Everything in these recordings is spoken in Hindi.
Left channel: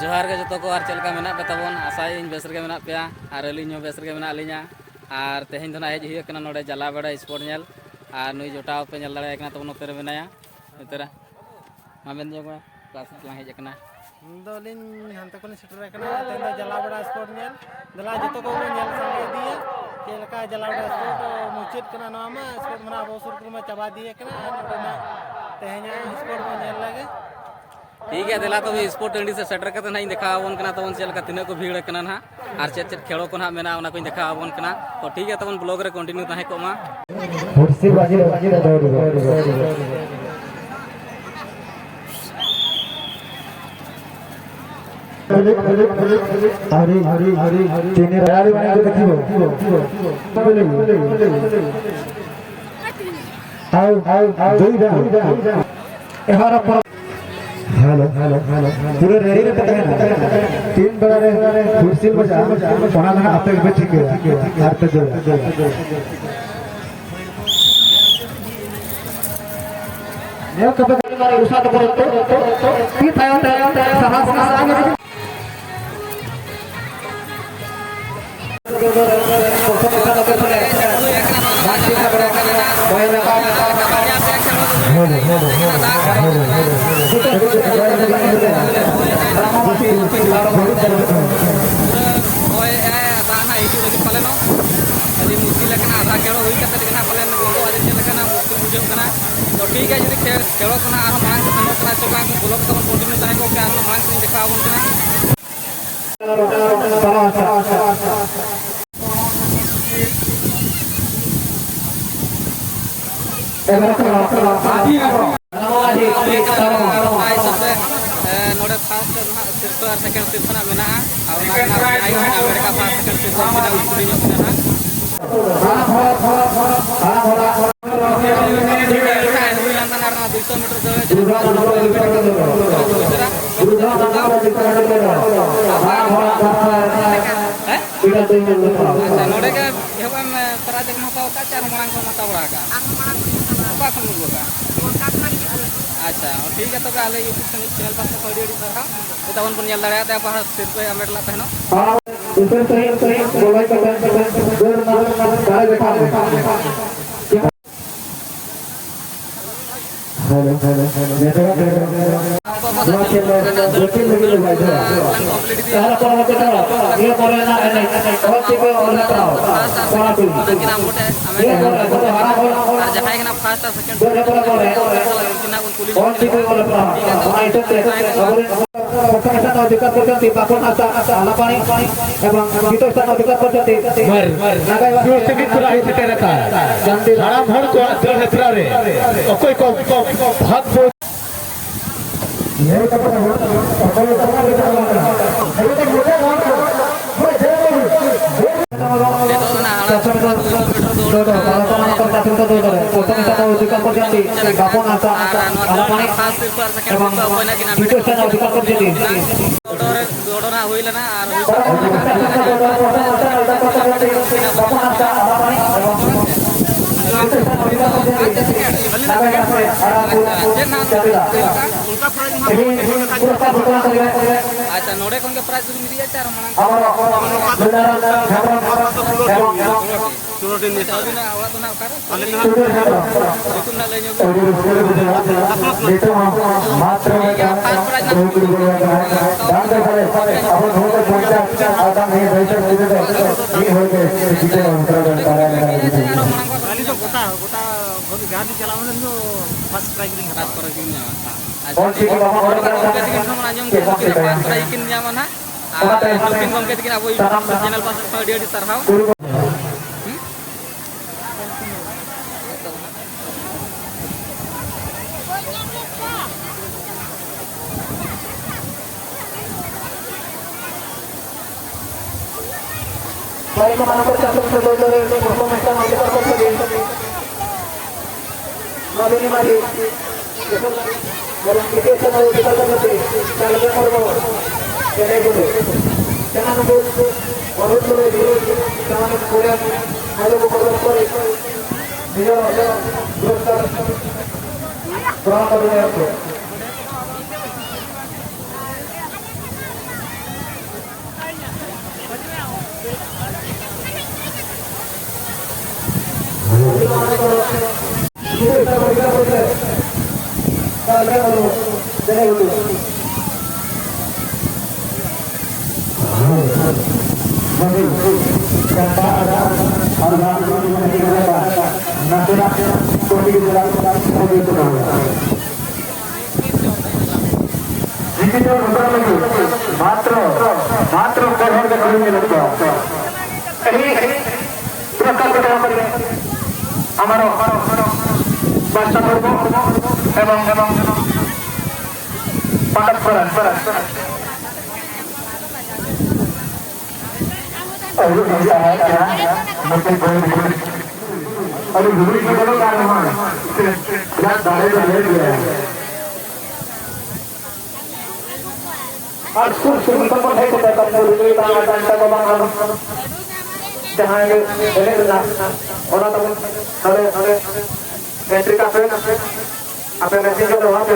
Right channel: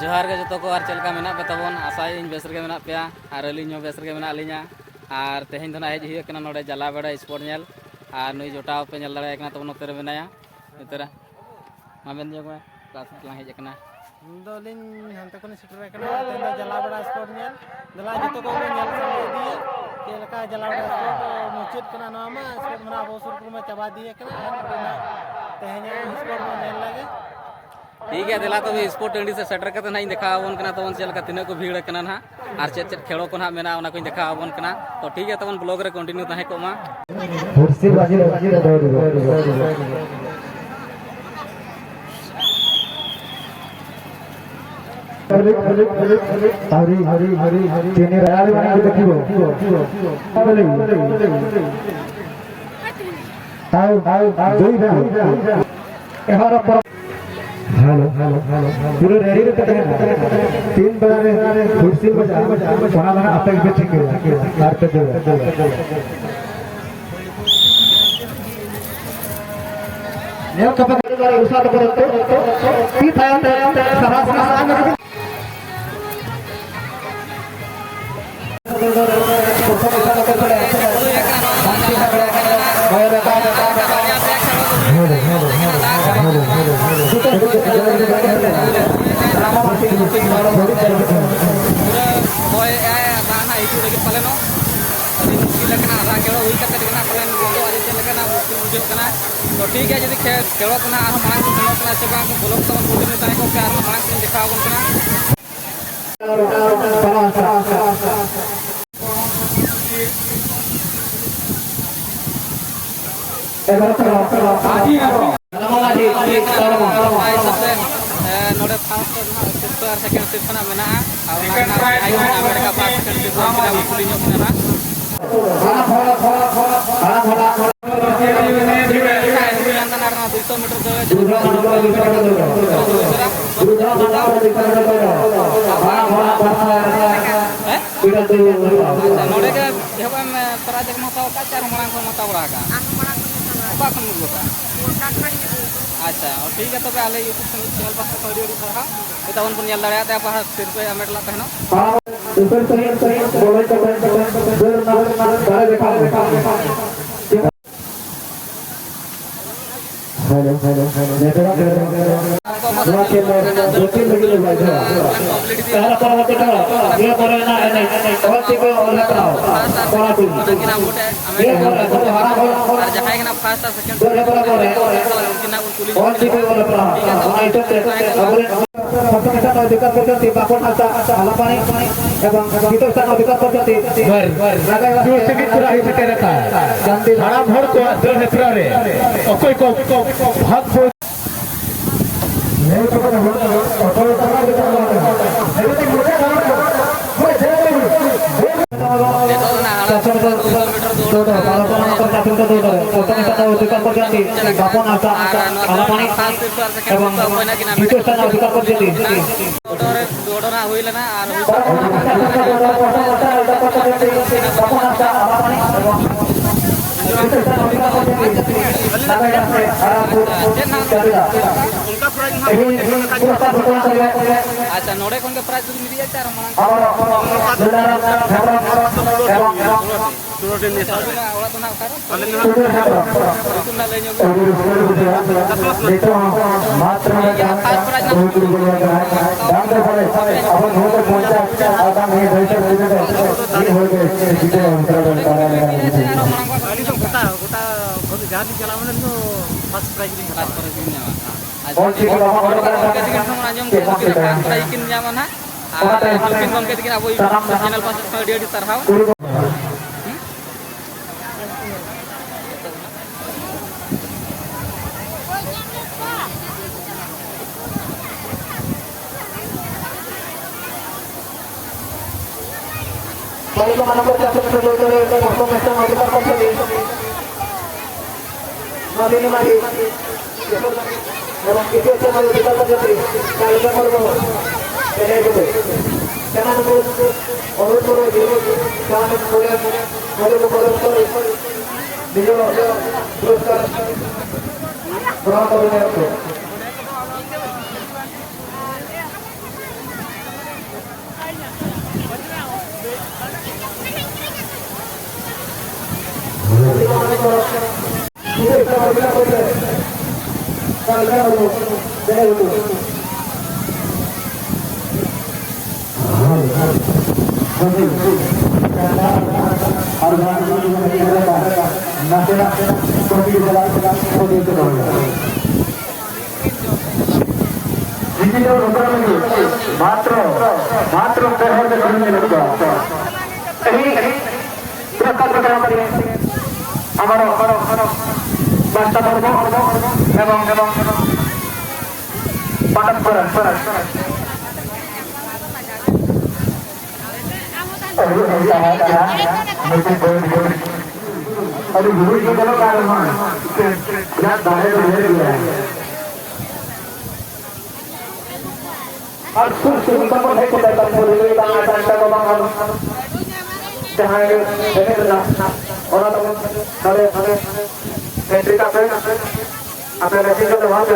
जोहार के जो को और चलका मेना पे तबन आशाई इन बेसर के मेना पे और अलिन बेसर के मेना अलिना और तेहन धना हेज हुई कना नोडे जला बेड़ा स्पोर्ट नेल और नुई जोटाव पे नेल दाड़े कना तबन उतर बेनाया उतरा मामेन जो क्लास ला हेज कना दोलिन हंते कोनी सेटर कना तेन दो जला बेड़ा स्पोर्ट नेल दला जतो को नेल संगे दिया केलका जला बेड़ा स्पोर्ट मुचित कना नामा स्पोर्ट मना अवसर में चबा दिए कना नोडे तेहना स्पोर्ट में नेल लगे ठीक है दिला तो स्पोर्ट टंडी से सेटर करते ना देखा आवन कना तबन चलका तीना को भीड़ कना ना और चेत चेत खेलो को ना मेना ओना को देखा आवन कना तो ठीक है तबन ब्लॉग रे कंटिन्यू ताहे को मा कुर्सी बाजी हरी हरी हरी हरी तीन राड़ी बना के देखियो आओ दुई राउंड एबार पर हेलो हेलो हेलो पूरे रेडी रे पकड़े तीन बार कुर्सी में जा बना बना अटक के ठीक है आर पे जो ये कब तक उसा तो फिर साहस आगे पालेनो अभी मुश्किल आधा खेलो हुई पाले गोगो अभी चलना मुश्किल बुझे तो ठीक है जी खेलो मांग को सेनों चबा ब्लॉग तक कंटिन्यू तक मांग से देखा नोड़े फर्स्ट सिर्फ और सेकंड सिर्फ ना मेना और ना आई अमेरिका फर्स्ट सेकंड सिर्फ ना उकुली नो ना हुई लंदन आरना 200 मीटर अच्छा नोड़े के हेबम प्राइज महताव का चार मरांग को महताव रागा ओका खन मुगका अच्छा ठीक है तब आले यूट्यूब चैनल पास तक ऑडियो सरहा तबन पन नेल दाड़ा पा सिर्फ अमेट ला तहनो ऊपर सही बोले कर जोर ना गाय देखा हेलो हेलो हेलो नेटवर्क के दोती लगी भाई सारा पर होते ये पर ना और ठीक और लगाओ सारा तू किना मोटे और जहां के ना फर्स्ट और सेकंड किना उन पुलिस और ठीक और लगाओ आइटम पक्षाचा अधिकार करते बापन आता आला पाणी एवं गीतचा अधिकार करते बर जागा व्यवस्थित पूरा ही ठेके रखा जानते धारा भर को जो हेत्रा रे कोई को भाग को ये तो करना अच्छा नोड़े खन के प्राइस मिल जाए चार मना गाड़ी चलाने लो फर्स्ट प्राइज दिन फर्स्ट प्राइज दिन ᱧᱟᱢᱟ आजम के फर्स्ट प्राइज किन ᱧᱟᱢᱟ ना और नवीन गमके तकिन अब चैनल पास ऑडियो डी सरहाव मात्र मात्र पढ़र के कमी में लगो कहीं पुरस्कार के काम करिए हमारो बस्ता पर्व एवं पंडित पुरन अभी गुरु जी को कार्य है याद बाहर ले लिया और कुछ तक है को तक बोले डांस डांस को हम जहां ये बोले ना और तो हमें एंट्री का पे अपने रसीद के वहां पे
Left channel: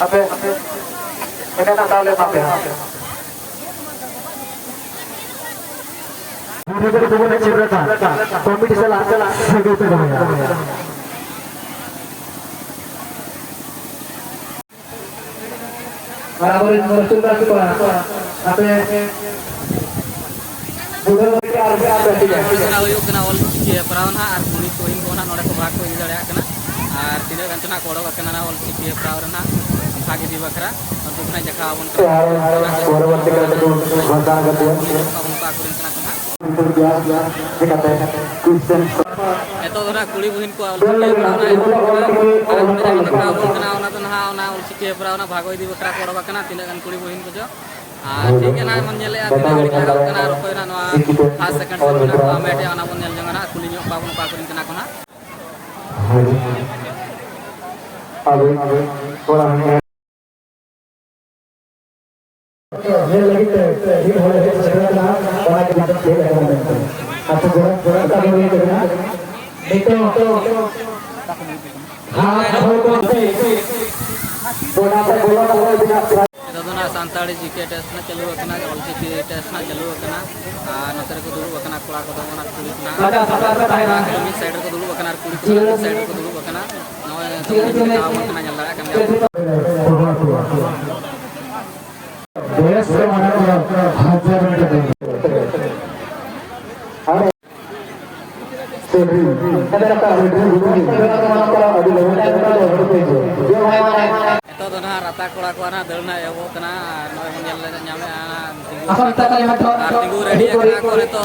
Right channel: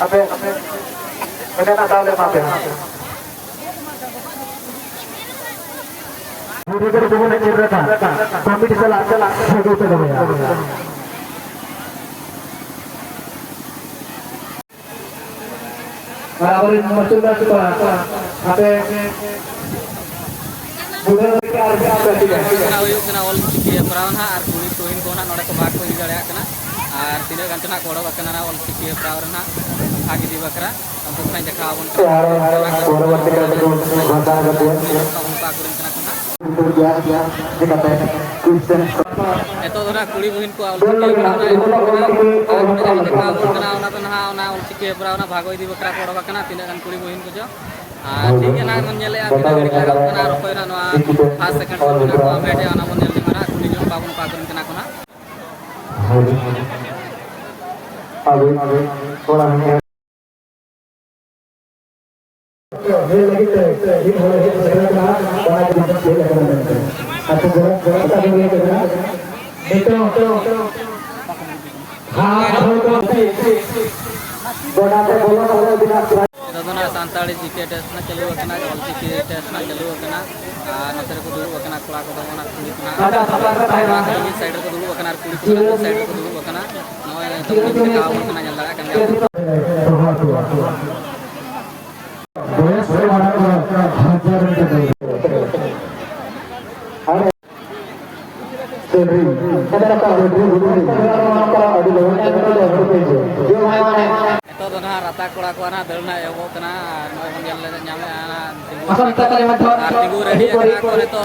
अपने मैंने ना डाले पाते हैं मेरे को बोलने चल रहा था कंपटीशन आपको आगे से करेगा बराबर इन मर्चेंट को आपे बुधन के आर बैठी है हुयुग कना ऑल चिकी हेपराव ना आर कुड़ी कोइन को ना नोडे को भाग को इदि दाड़िया कना आर तिने गंत ना कोड़ो कना ना ऑल चिकी हेपराव रना भाग इदि बकरा अंतु कना देखा बन परवर्ती काल को भाषा गतुआ कबन का कुरिन कना कना एतो धरा कुड़ी बहिन को ऑल चिकी हेपराव ना आर देखा बन कना ओना तो ना ऑल चिकी हेपराव ना भाग इदि बकरा कोड़ो कना तिने गन कुड़ी बहिन को जो ठीक है ना मन नेले तिने गड़ी लगा कना रखोय ना नोआ फर्स्ट सेकंड से मना को आमेटे ओना बन नेल जंगना कुली जो बाबन का कुरिन कना कोना आगे थोड़ा ये लगी तो ये हो रहा है चलना बना के खेल रहे हैं अच्छा जरूरत का ये करना देखते हैं हां को बड़ा बोला बिना एतो दोना सांताड़ी जीके टेस्ट ना चालू कना ऑल चिकी टेस्ट ना चालू कना नोते रे को दुरु कना कोड़ा को दोना कुड़ी कना को मिड साइड रे को दुरु कना कुड़ी को मिड साइड रे को दुरु कना नोय तो देखा बन कना जल लगा कना देश से माने को हजार रुपए और सेवरी कदर का एतो दोना राता कोड़ा को ना दलना एवो कना नोय बन जल ᱧᱟᱢᱮ तिगु रेडी कना को तो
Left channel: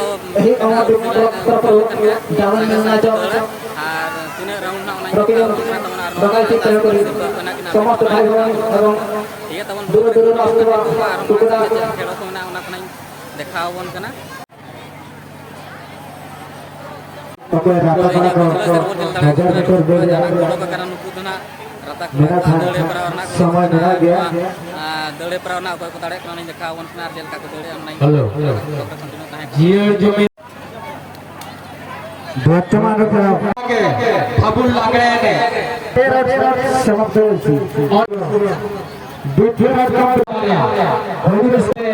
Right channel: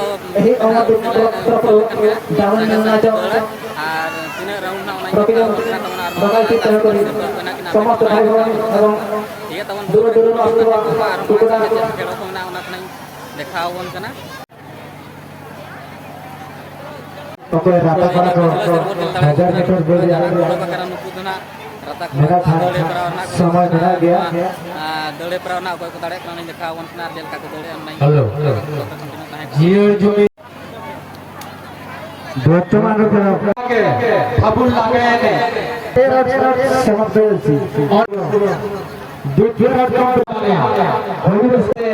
आर तिना राउंड ना ओना देखा बन कना तमन आर नो कना कि ना ठीक है तमन बुक रे को आर मा के खेलो को ना ओना कना देखा बन कना तो राता कोड़ा को करा नुकु दोना राता कोड़ा दड़े बरावरना को दड़े बरावरना कोई को दाड़े कना देखा बन कना रेल का को दड़े नहीं कंटिन्यू ताहे जियो जो वर्तमान के फाबुल लागड़े ने समाप्त होसी और दूसरा काम होली से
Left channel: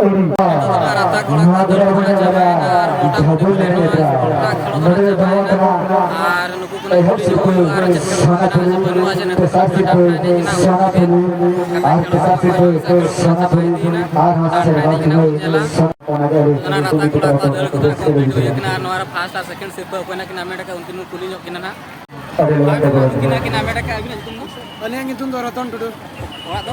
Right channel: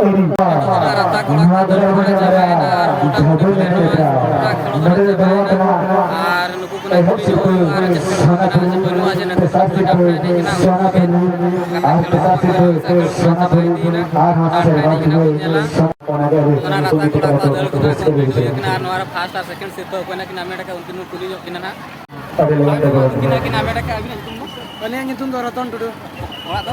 राता कोड़ा को दड़े बना जाबायना आर मोटा आर नुकु कना कुड़ी जो आर केसकर कना बनु आजे न तो ना राता कोड़ा को दड़ को वीडियो किना नोरा फर्स्ट और सेकंड सिर्फ कोना किना मेटा उनकिन कुली जो किना ना किना मेटा का अभी तुम अलिया नितुम दो रतन टुडू ओड़ा दो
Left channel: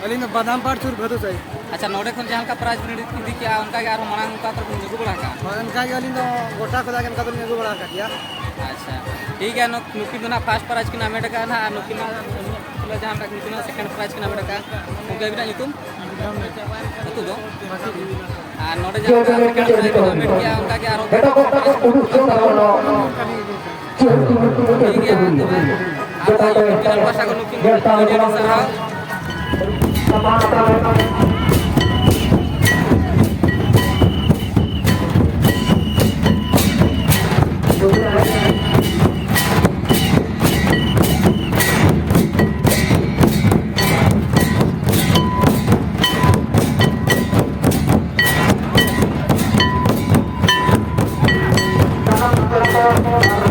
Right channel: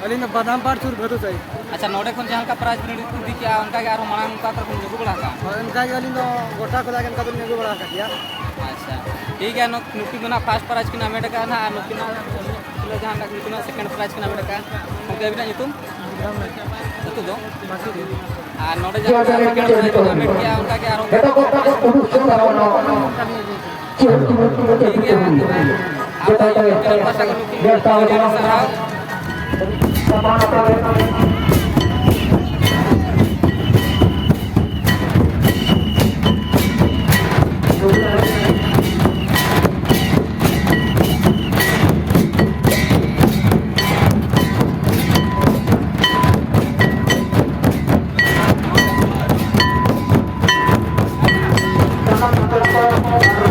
अलिन बादाम पाट सुर भदु सही अच्छा नोडे खन जहां का प्राइज इदी क्या उनका के आरो मांग का कर नुकु बड़ा का उनका के अलिन गोटा को लागन का दुनिया को बड़ा का दिया अच्छा ठीक है नुकी दोना फर्स्ट प्राइज किना मेटा का ना नुकी ना किलो जहां का नुकी ना सेकंड प्राइज किना मेटा का उनके अभी ना तुम तो दो आ नोडे जहां का सेकंड प्राइज किना मेट किया उनका के आरो ठीक है तो आप यूट्यूब चैनल पर साको नुकी वीडियो सराव Jakarta